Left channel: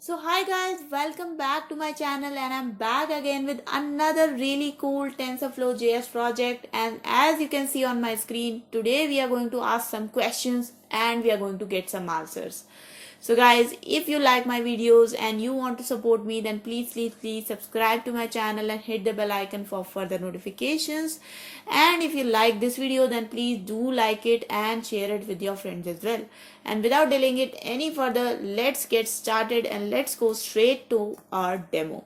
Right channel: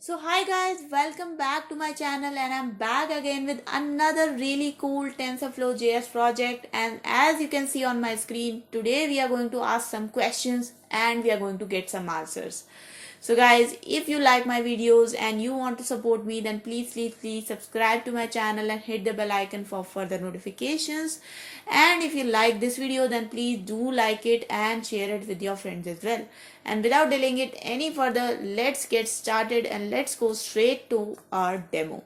So hi guys, welcome back to my channel and I'm back again with another really cool TensorFlow JS project, and as you can see on my screen, today we are going to ask some questions and we are going to get some answers. So guys, if you like my videos and you want to support me, then please subscribe to my channel and hit the bell icon for further notifications. And if you like this video, then please do like it and share it with your friends as well. And without delaying it any further, let's get started and let's go straight to our demo.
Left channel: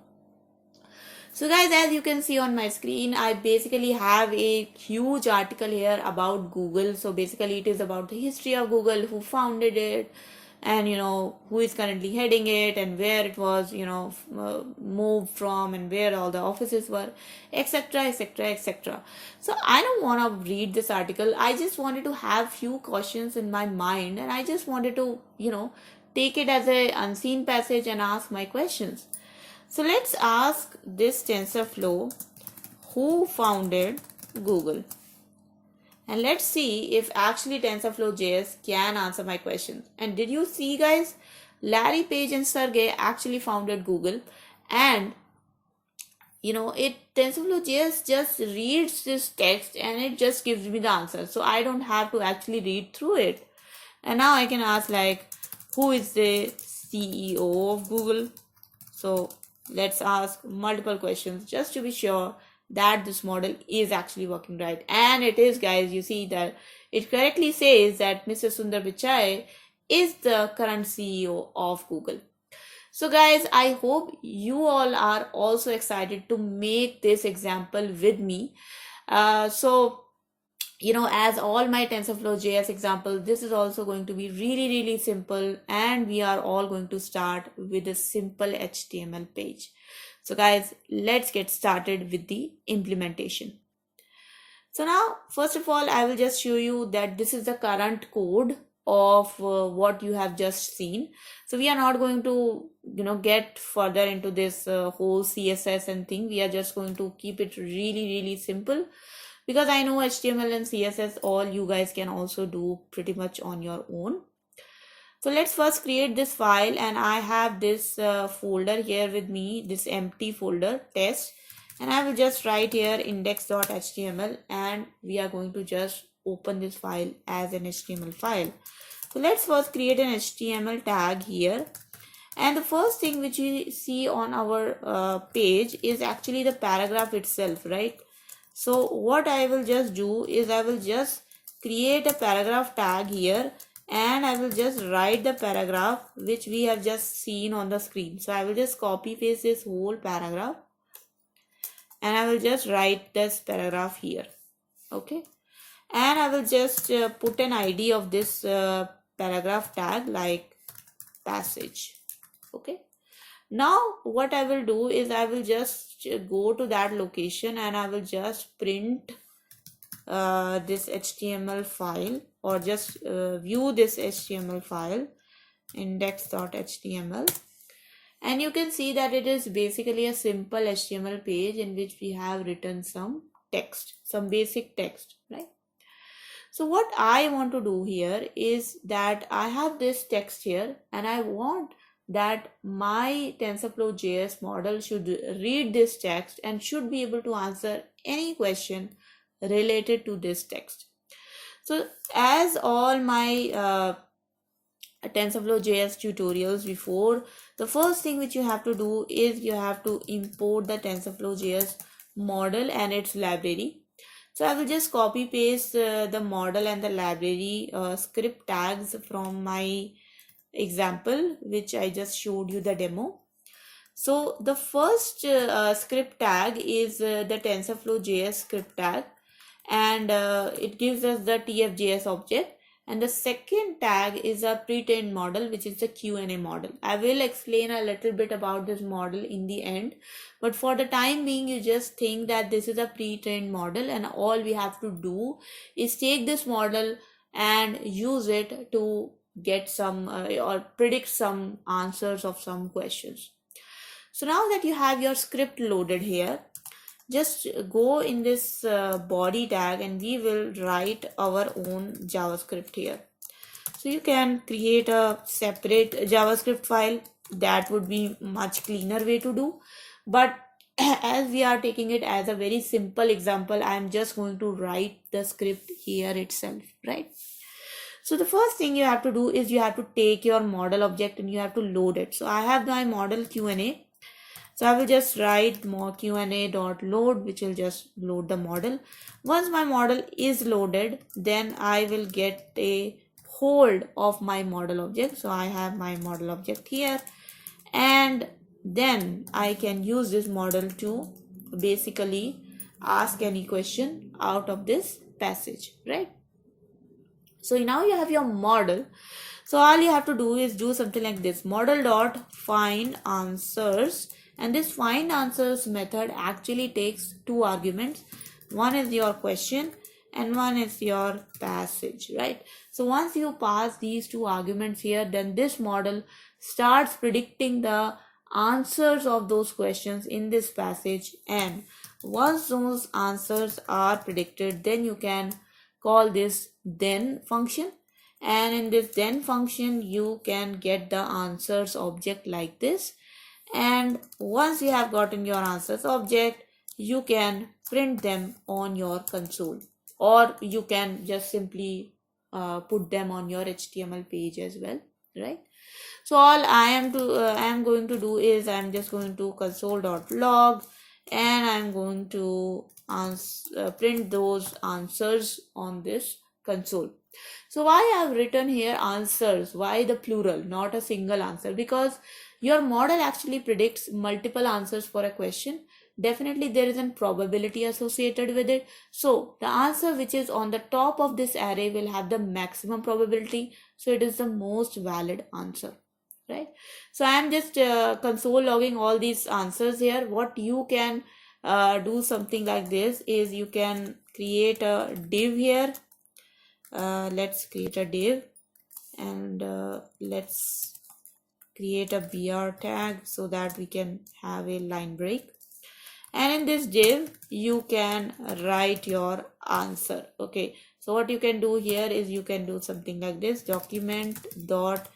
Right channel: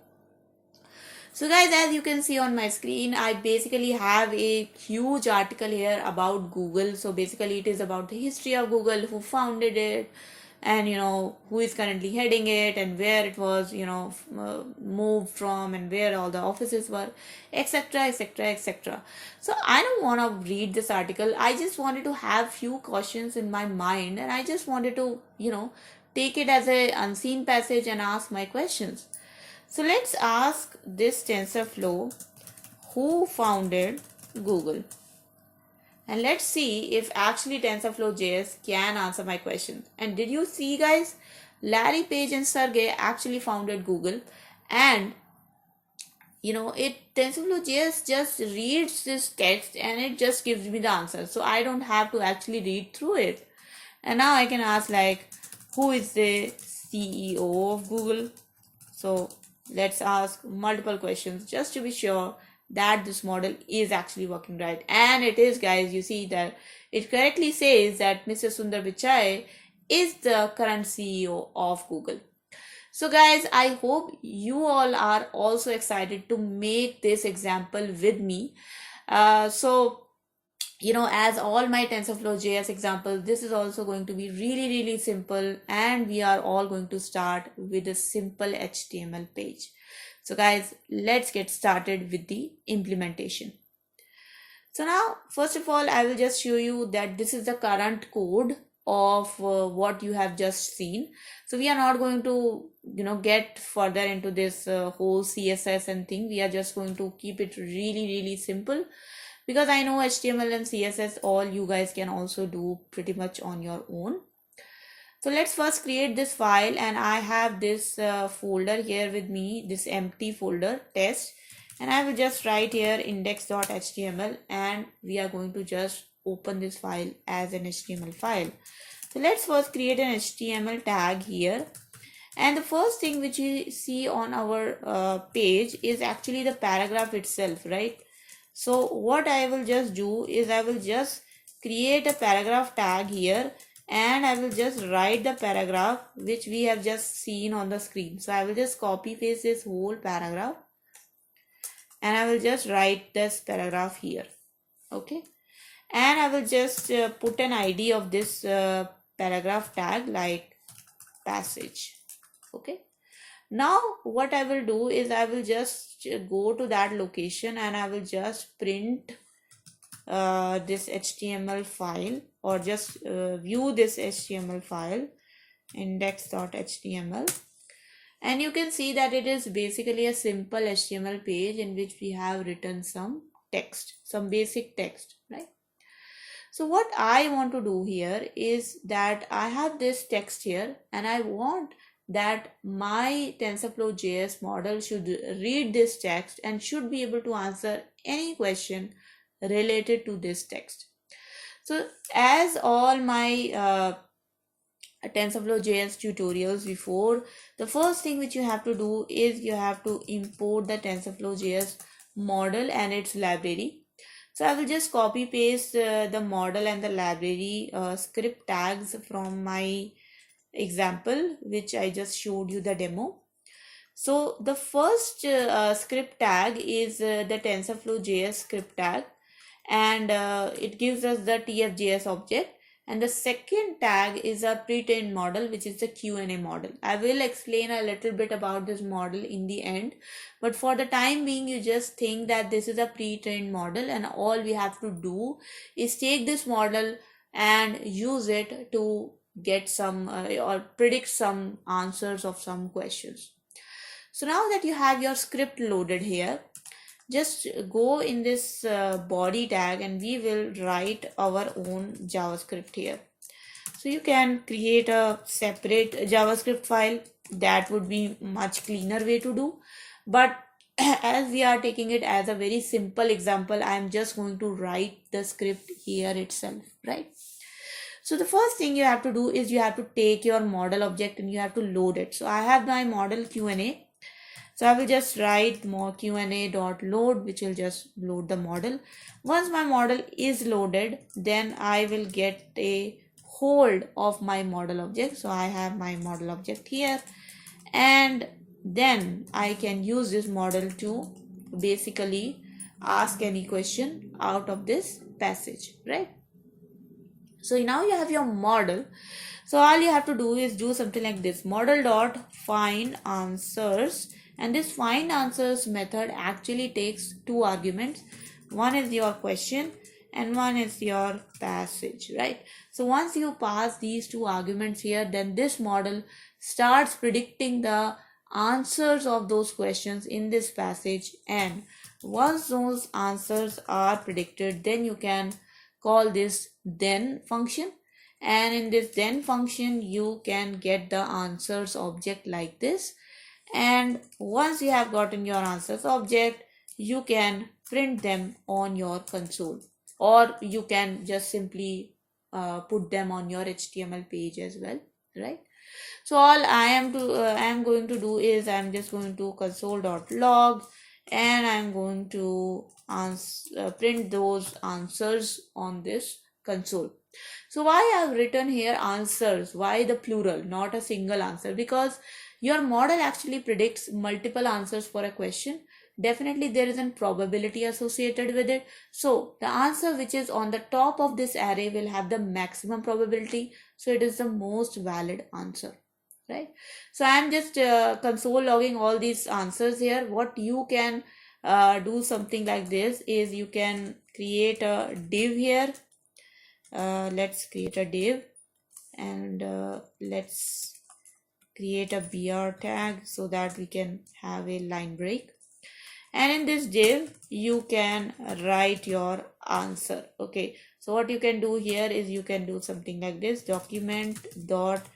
So guys, as you can see on my screen, I basically have a huge article here about Google. So basically it is about the history of Google, who founded it, and who is currently heading it, and where it was moved from, and where all the offices were, etc, etc, etc. So I don't want to read this article. I just wanted to have few questions in my mind, and I just wanted to take it as a unseen passage and ask my questions. So let's ask this TensorFlow, who founded Google? And let's see if actually TensorFlow JS can answer my question. And did you see guys, Larry Page and Sergey actually founded Google, and TensorFlow JS just reads this text and it just gives me the answer. So I don't have to actually read through it. And now I can ask like, who is the CEO of Google? So let's ask multiple questions just to be sure that this model is actually working right. And it is guys, you see that it correctly says that Mr. Sundar Pichai is the current CEO of Google. So guys, I hope you all are also excited to make this example with me. As all my TensorFlow JS examples, this is also going to be really simple, and we are all going to start with a simple HTML page. So guys, let's get started with the implementation. So now, first of all, I will just show you that this is the current code of what you have just seen. So we are not going to get further into this whole CSS and thing. We are just going to keep it really simple, because I know HTML and CSS all you guys can also do pretty much on your own. So let's first create this file, and I have this folder here with me, this empty folder test, and I will just write here index.html, and we are going to just open this file as an HTML file. So let's first create an HTML tag here, and the first thing which we see on our page is actually the paragraph itself, right? So what I will just do is I will just create a paragraph tag here, and I will just write the paragraph which we have just seen on the screen. So I will just copy paste this whole paragraph, and I will just write this paragraph here. Okay, and I will just put an ID of this paragraph tag like passage. Okay, now what I will do is I will just go to that location, and I will just print this HTML file, or just view this HTML file, index.html, and you can see that it is basically a simple HTML page in which we have written some text, some basic text, right? So what I want to do here is that I have this text here, and I want that my TensorFlow JS model should read this text and should be able to answer any question related to this text. So as all my TensorFlow JS tutorials before, the first thing which you have to do is you have to import the TensorFlow JS model and its library. So I will just copy paste the model and the library script tags from my example, which I just showed you the demo. So the first script tag is the TensorFlow JS script tag, and it gives us the TFJS object. And the second tag is a pre-trained model, which is the Q&A model. I will explain a little bit about this model in the end, but for the time being, you just think that this is a pre-trained model, and all we have to do is take this model and use it to get some or predict some answers of some questions. So now that you have your script loaded here, just go in this body tag, and we will write our own JavaScript here. So you can create a separate JavaScript file that would be much cleaner way to do. But as we are taking it as a very simple example, I am just going to write the script here itself, right? So the first thing you have to do is you have to take your model object and you have to load it. So I have my model Q&A. So I will just write more Q&A.load, which will just load the model. Once my model is loaded, then I will get a hold of my model object. So I have my model object here, and then I can use this model to basically ask any question out of this passage, right? So now you have your model. So all you have to do is do something like this: model dot find answers, and this find answers method actually takes two arguments. One is your question and one is your passage, right? So once you pass these two arguments here, then this model starts predicting the answers of those questions in this passage, and once those answers are predicted, then you can call this then function, and in this then function you can get the answers object like this. And once you have gotten your answers object, you can print them on your console, or you can just simply put them on your HTML page as well, right? So all I am going to do is I'm just going to console.log, and I'm going to print those answers on this console. So why I have written here answers? Why the plural, not a single answer? Because your model actually predicts multiple answers for a question. Definitely there is a probability associated with it. So the answer which is on the top of this array will have the maximum probability. So it is the most valid answer, right? So I am just console logging all these answers here. What you can do something like this is you can create a div here. Let's create a div, and let's create a br tag so that we can have a line break. And in this div you can write your answer. Okay, so what you can do here is you can do something like this: document dot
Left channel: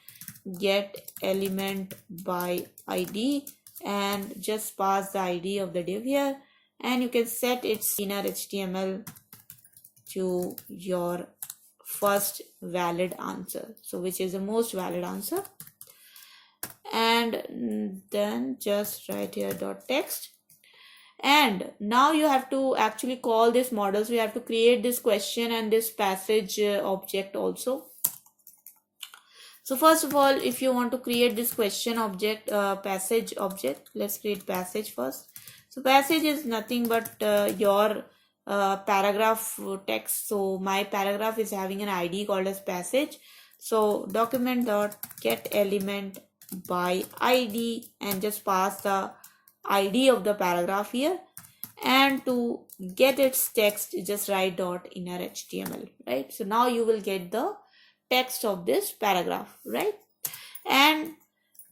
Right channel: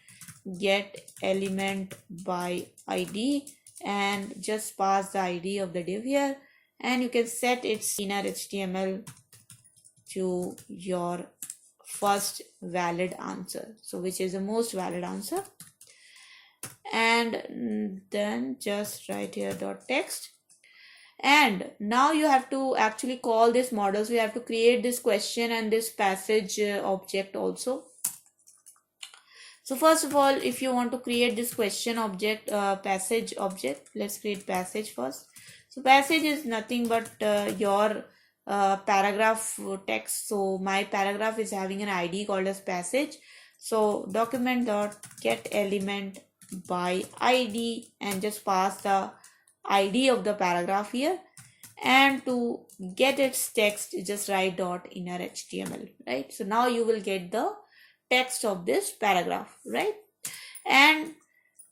get element by id, and just pass the id of the div here, and you can set its inner HTML to your first valid answer, so which is the most valid answer. And then just write here dot text, and now you have to actually call this model. So you have to create this question and this passage object also. So first of all, if you want to create this question object, passage object, let's create passage first. So passage is nothing but your paragraph text. So my paragraph is having an ID called as passage. So document dot get element by ID, and just pass the ID of the paragraph here, and to get its text just write dot inner HTML, right? So now you will get the text of this paragraph, right? And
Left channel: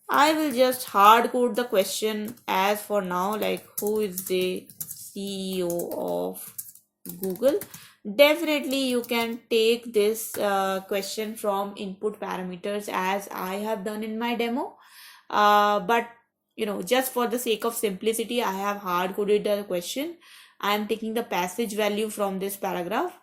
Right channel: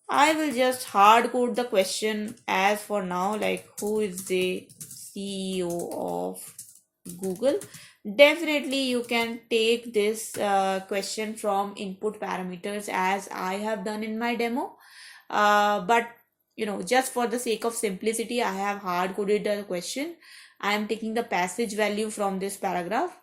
I will just hard code the question as for now, like who is the CEO of Google. Definitely you can take this question from input parameters as I have done in my demo, but just for the sake of simplicity, I have hard coded the question. I am taking the passage value from this paragraph,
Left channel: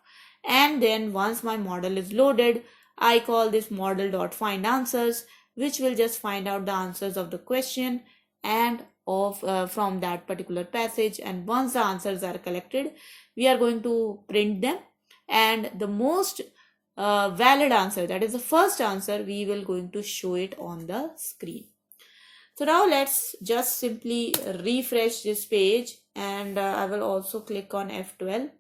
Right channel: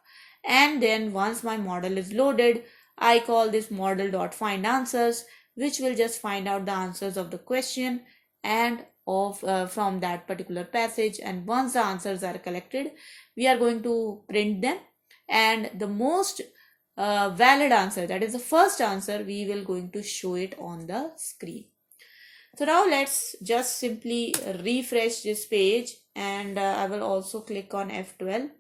and then once my model is loaded, I call this model.find answers, which will just find out the answers of the question and of from that particular passage. And once the answers are collected, we are going to print them, and the most valid answer, that is the first answer, we will going to show it on the screen. So now let's just simply refresh this page, and I will also click on F12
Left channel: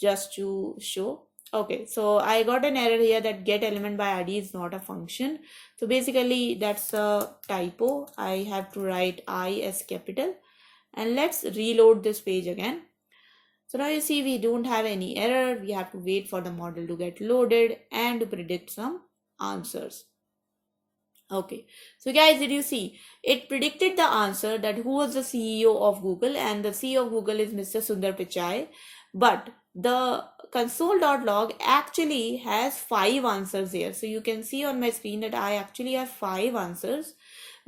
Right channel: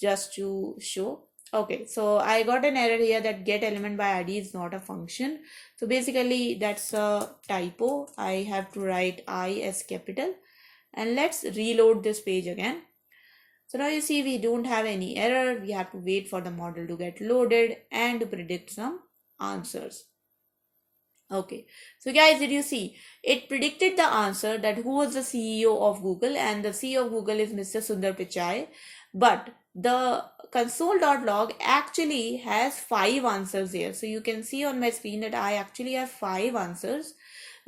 just to show. Okay, so I got an error here that get element by ID is not a function. So basically that's a typo. I have to write I as capital, and let's reload this page again. So now you see we don't have any error. We have to wait for the model to get loaded and to predict some answers. Okay, so guys, did you see it predicted the answer that who was the CEO of Google, and the CEO of Google is Mr. Sundar Pichai, but the console.log actually has 5 answers here. So you can see on my screen that I actually have 5 answers,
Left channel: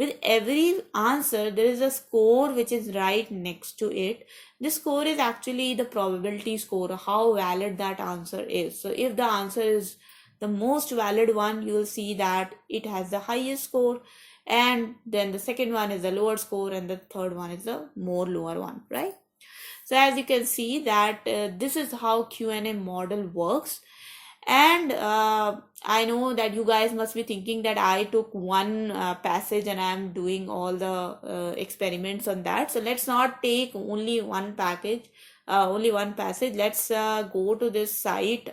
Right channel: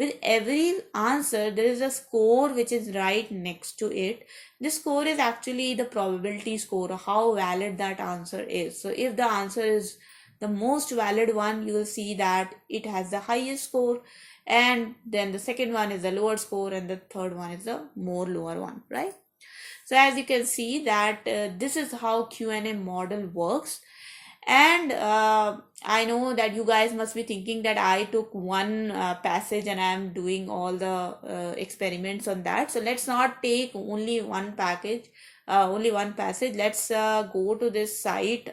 with every answer there is a score which is right next to it. This score is actually the probability score, how valid that answer is. So if the answer is the most valid one, you will see that it has the highest score, and then the second one is the lower score, and the third one is the more lower one, right? So as you can see that this is how Q&A model works. And I know that you guys must be thinking that I took one passage and I'm doing all the experiments on that. So let's not take only one only one passage. Let's go to this site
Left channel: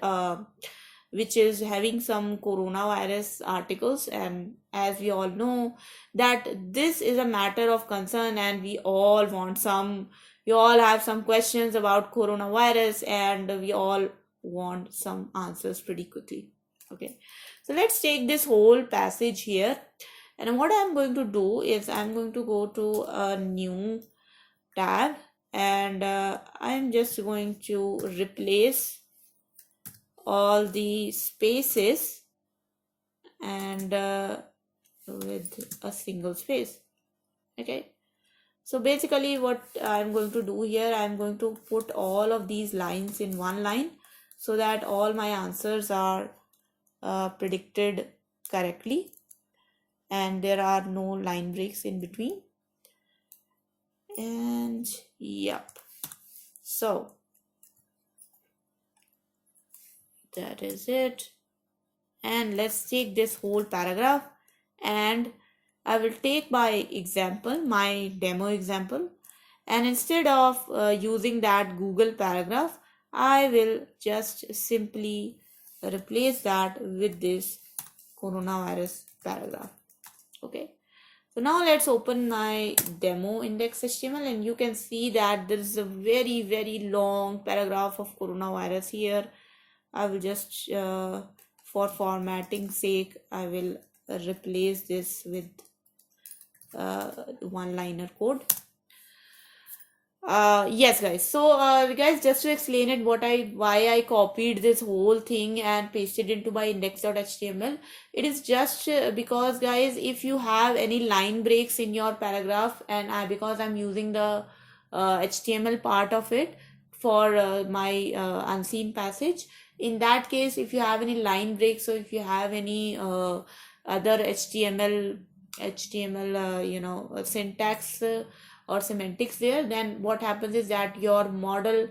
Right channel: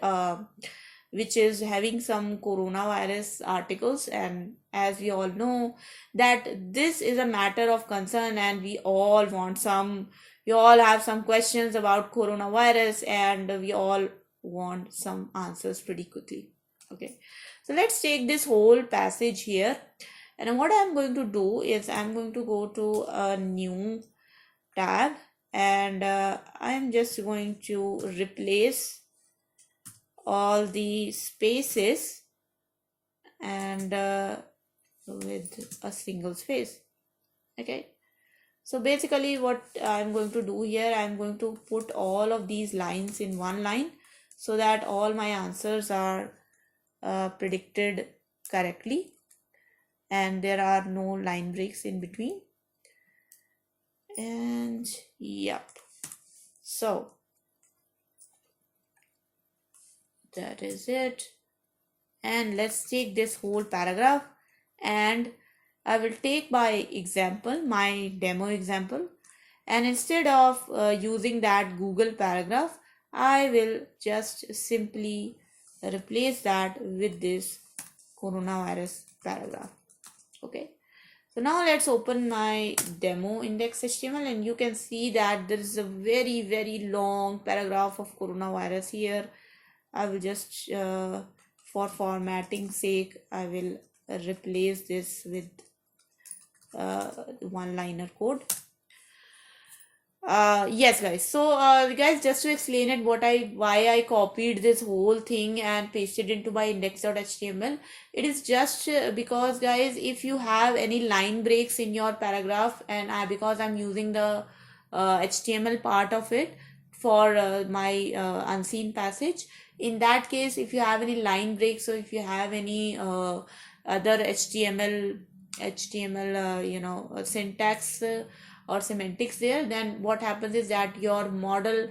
which is having some coronavirus articles. And as we all know that this is a matter of concern, and we all have some questions about coronavirus, and we all want some answers pretty quickly. Okay, so let's take this whole passage here, and what I'm going to do is I'm going to go to a new tab, and I'm just going to replace all the spaces and with a single space. Okay, so basically what I'm going to do here, I'm going to put all of these lines in one line so that all my answers are predicted correctly and there are no line breaks in between. And yep, so that is it. And let's take this whole paragraph, and I will take by example, my demo example, and instead of using that Google paragraph, I will just simply replace that with this coronavirus paragraph. Okay, so now let's open my demo index.html, and you can see that there is a very, very long paragraph of coronavirus here. I will just for formatting sake, I will replace this with one-liner code. Yes guys, so guys, just to explain it, why I copied this whole thing and pasted into my index.html, it is just because guys, if you have any line breaks in your paragraph, and because I'm using the HTML part of it for my unseen passage, in that case, if you have any line breaks, or if you have any other HTML syntax or semantics there, then what happens is that your model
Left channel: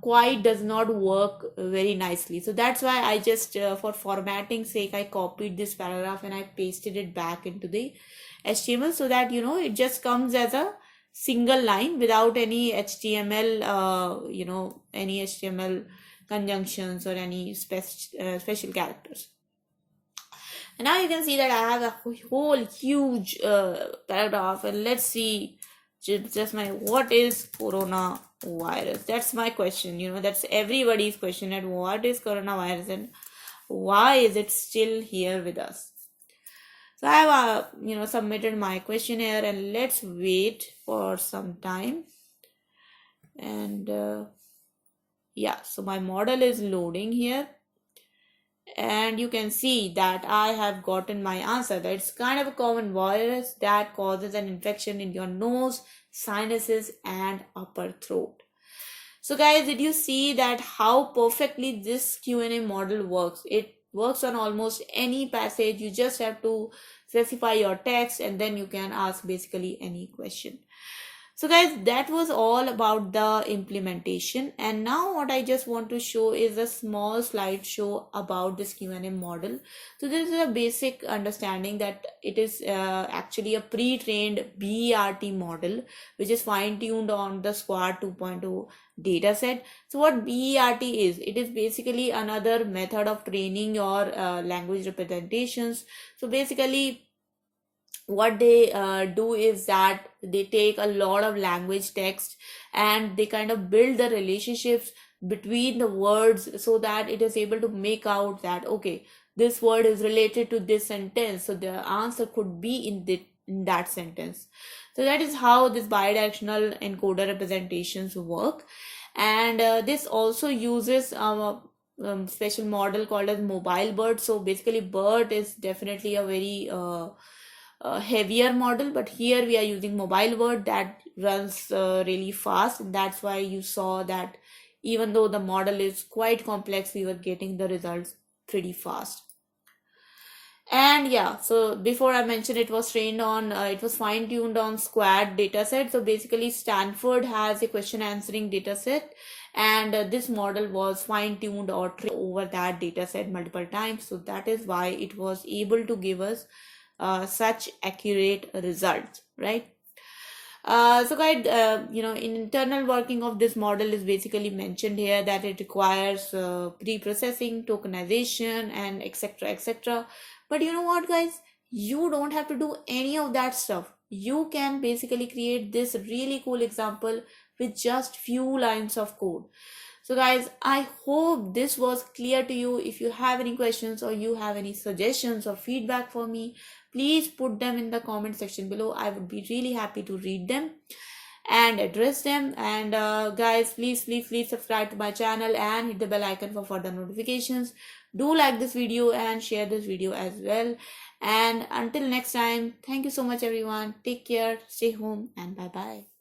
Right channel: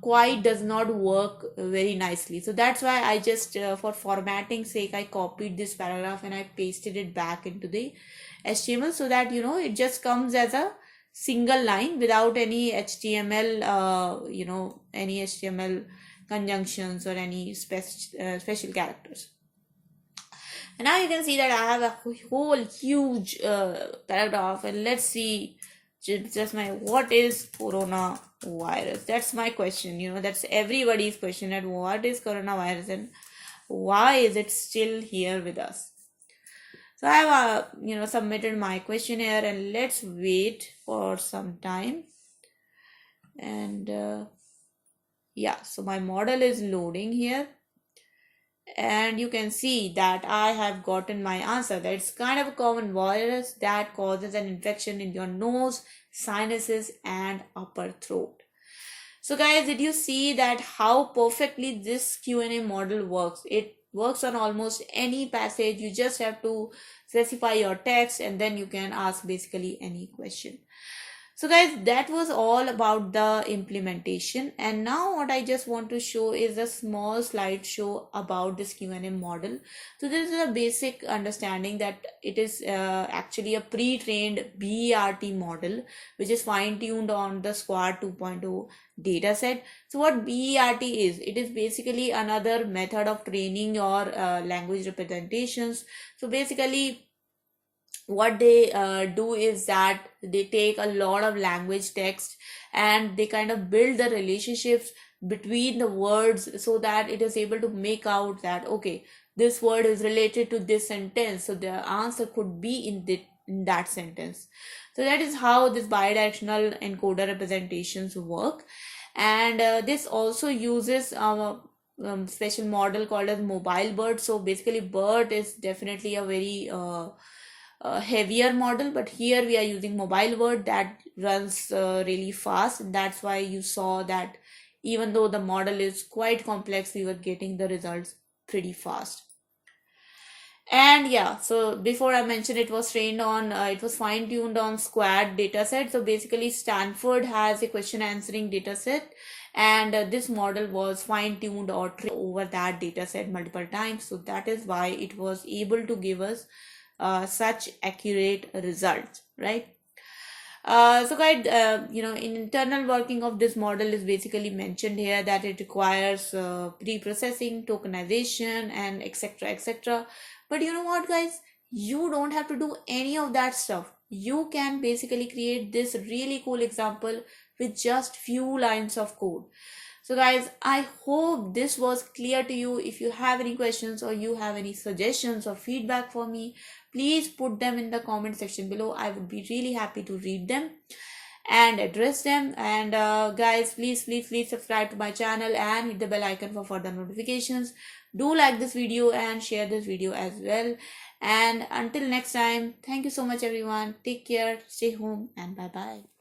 quite does not work very nicely. So that's why I just for formatting sake, I copied this paragraph and I pasted it back into the HTML, so that it just comes as a single line without any HTML any HTML conjunctions or any special characters. And now you can see that I have a whole huge paragraph, and let's see what is coronavirus. That's my question. That's everybody's question, that what is coronavirus and why is it still here with us. So I have submitted my questionnaire, and let's wait for some time. And yeah, so my model is loading here, and you can see that I have gotten my answer. That's kind of a common virus that causes an infection in your nose, sinuses, and upper throat. So guys, did you see that how perfectly this Q&A model works? It works on almost any passage. You just have to specify your text, and then you can ask basically any question. So guys, that was all about the implementation, and now what I just want to show is a small slideshow about this Q&A model. So this is a basic understanding that it is actually a pre-trained BERT model which is fine-tuned on the SQuAD 2.0 dataset. So what BERT is, it is basically another method of training your language representations. So basically what they do is that they take a lot of language text and they kind of build the relationships between the words, so that it is able to make out that okay, this word is related to this sentence, so the answer could be in that sentence. So that is how this bidirectional encoder representations work. And this also uses our special model called as mobile BERT. So basically BERT is definitely a very heavier model, but here we are using mobile word that runs really fast. That's why you saw that even though the model is quite complex, we were getting the results pretty fast. And yeah, so before I mentioned, it was trained on, it was fine tuned on SQuAD dataset. So basically, Stanford has a question answering dataset, and this model was fine tuned or trained over that dataset multiple times. So that is why it was able to give us such accurate results, right? So guys, in internal working of this model is basically mentioned here that it requires pre-processing, tokenization, and etc. etc. But you know what, guys? You don't have to do any of that stuff. You can basically create this really cool example with just few lines of code. So guys, I hope this was clear to you. If you have any questions or you have any suggestions or feedback for me, please put them in the comment section below. I would be really happy to read them and address them. And guys, please subscribe to my channel and hit the bell icon for further notifications. Do like this video and share this video as well. And until next time, thank you so much everyone. Take care, stay home, and bye bye.